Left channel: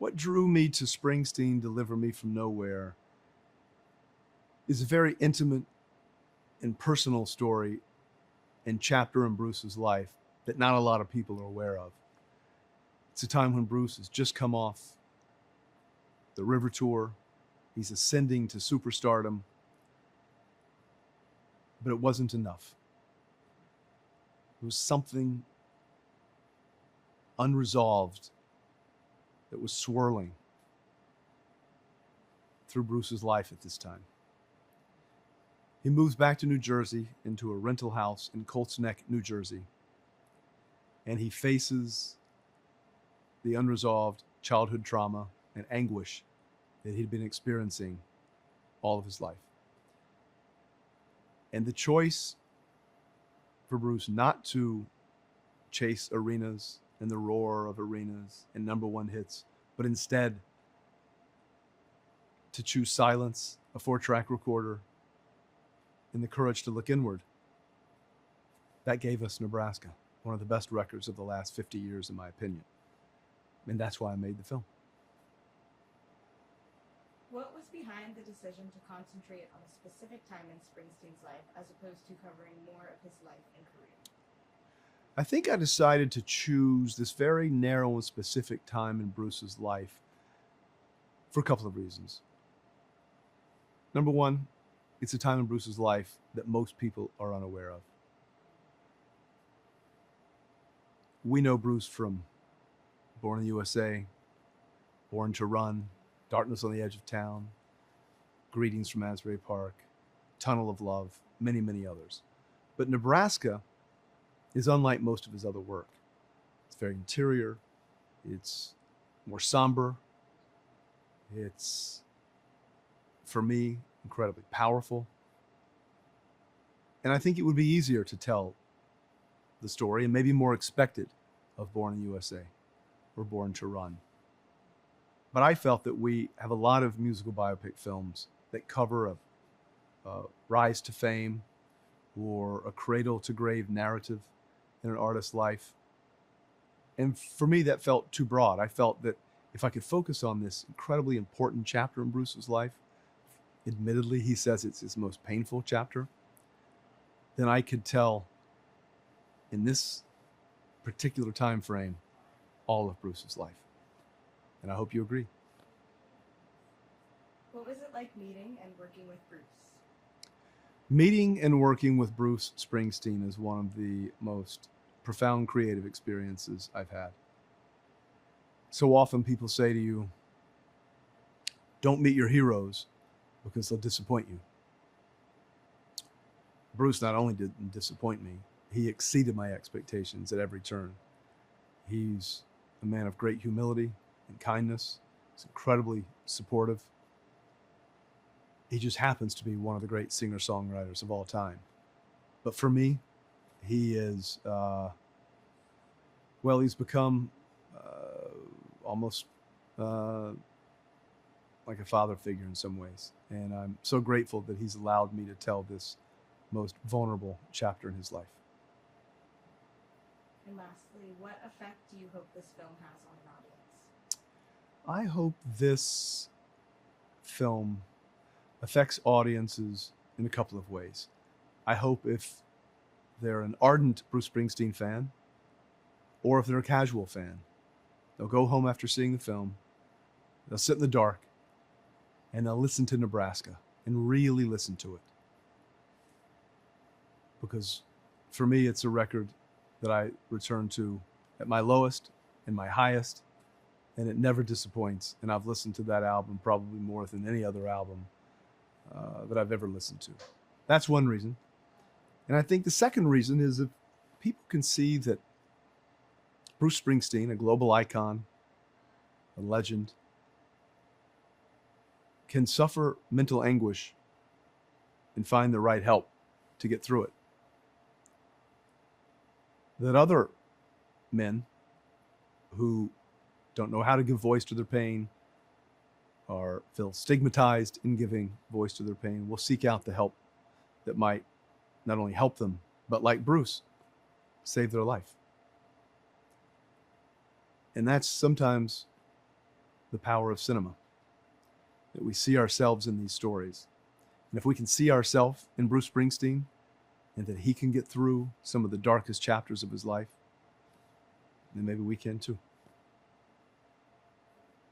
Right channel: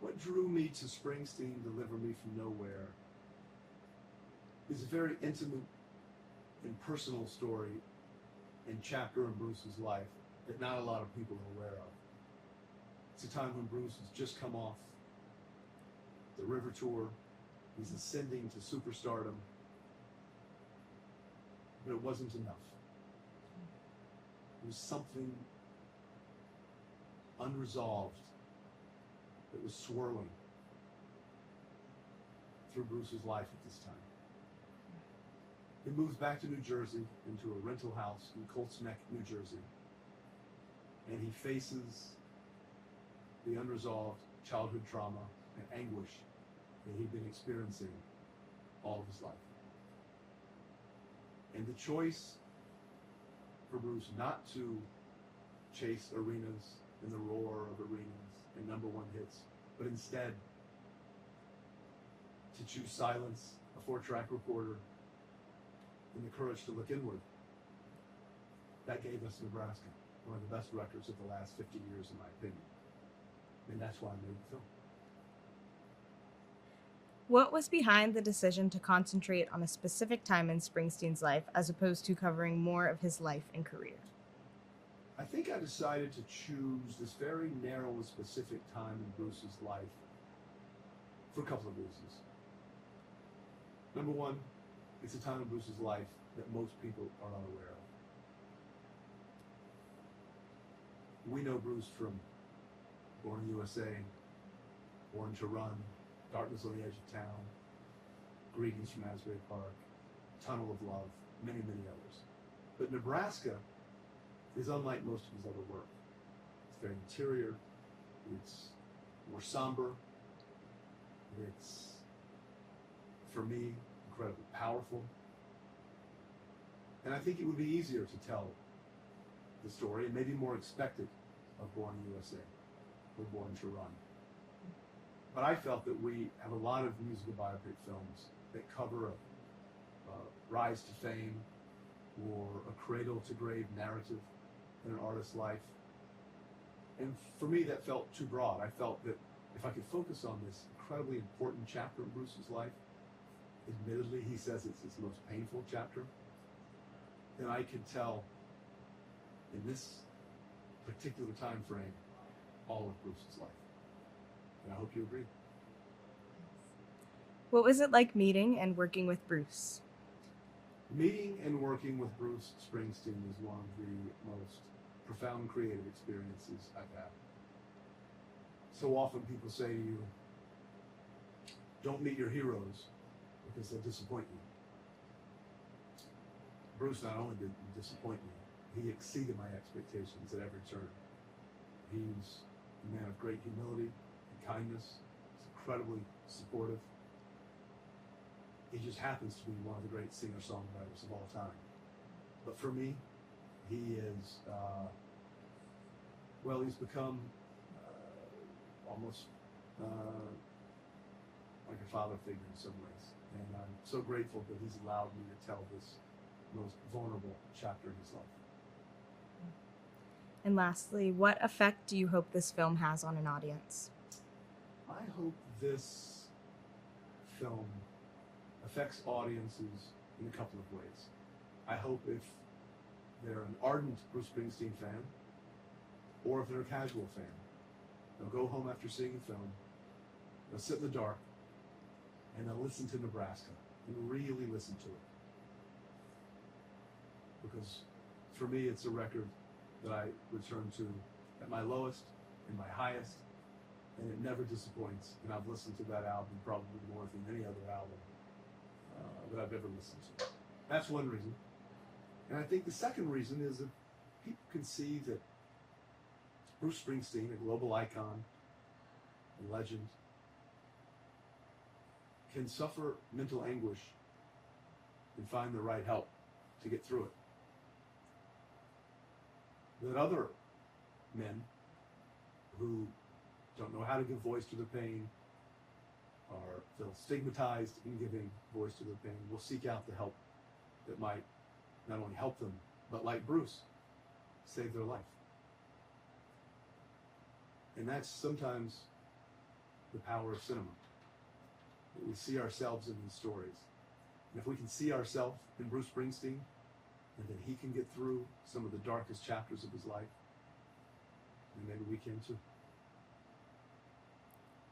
What drew me to Springsteen, Deliver Me From Nowhere, is a very intimate and personal story and chapter in Bruce's life that not a lot of people are aware of. It's a time when Bruce has just come off the River Tour. He's ascending to superstardom, but it wasn't enough. There was something unresolved that was swirling through Bruce's life at this time. He moves back to New Jersey into a rental house in Colts Neck, New Jersey, and he faces the unresolved childhood trauma and anguish that he'd been experiencing all of his life. And the choice for Bruce not to chase arenas and the roar of arenas and number one hits, but instead to choose silence, a 4-track recorder, and the courage to look inward. That gave us Nebraska, one of the best records of the last 50 years, in my opinion. And that's why I made the film. What was behind the decision to concentrate on a specific time in Springsteen's life as opposed to covering more of his life and career? I think I decided to choose this very narrow and specific time in Bruce's life for a couple of reasons. Number one, it's a time in Bruce's life that most people are unaware of. We know Bruce from Born in the USA, Born to Run, Darkness on the Edge of Town, Greetings from Asbury Park, Tunnel of Love, many, many others. But Nebraska is unlike most of his other work. It's very interior. It's more somber. It's, for me, incredibly powerful. And I think it would be easier to tell the story and maybe more expected of Born in the USA or Born to Run. But I felt that we have a lot of musical biopic films that cover a rise to fame or a cradle to grave narrative in an artist's life. And for me, that felt too broad. I felt that if I could focus on this incredibly important chapter in Bruce's life, admittedly, he says it's his most painful chapter, then I could tell in this particular time frame all of Bruce's life. And I hope you agree. What was it like meeting and working with Bruce? Meeting and working with Bruce Springsteen is one of the most profound creative experiences I've had. So often people say to you, don't meet your heroes because they'll disappoint you. Bruce not only didn't disappoint me, he exceeded my expectations at every turn. He's a man of great humility and kindness. He's incredibly supportive. He just happens to be one of the great singer-songwriters of all time. But for me, he is, he's become almost like a father figure in some ways. And I'm so grateful that he's allowed me to tell this most vulnerable chapter in his life. And lastly, what effect do you hope this film has on an audience? I hope this film affects audiences in a couple of ways. I hope if they're an ardent Bruce Springsteen fan, or if they're a casual fan, they'll go home after seeing the film, they'll sit in the dark, and they'll listen to Nebraska and really listen to it. Because for me, it's a record that I return to at my lowest and my highest, and it never disappoints. And I've listened to that album probably more than any other album that I've ever listened to. That's one reason. And I think the second reason is that people can see that Bruce Springsteen, a global icon, a legend, can suffer mental anguish and find the right help to get through it. That other men who don't know how to give voice to their pain or feel stigmatized in giving voice to their pain will seek out the help that might not only help them, but like Bruce, save their life. And that's sometimes the power of cinema, that we see ourselves in these stories. And if we can see ourselves in Bruce Springsteen, and that he can get through some of the darkest chapters of his life, then maybe we can too.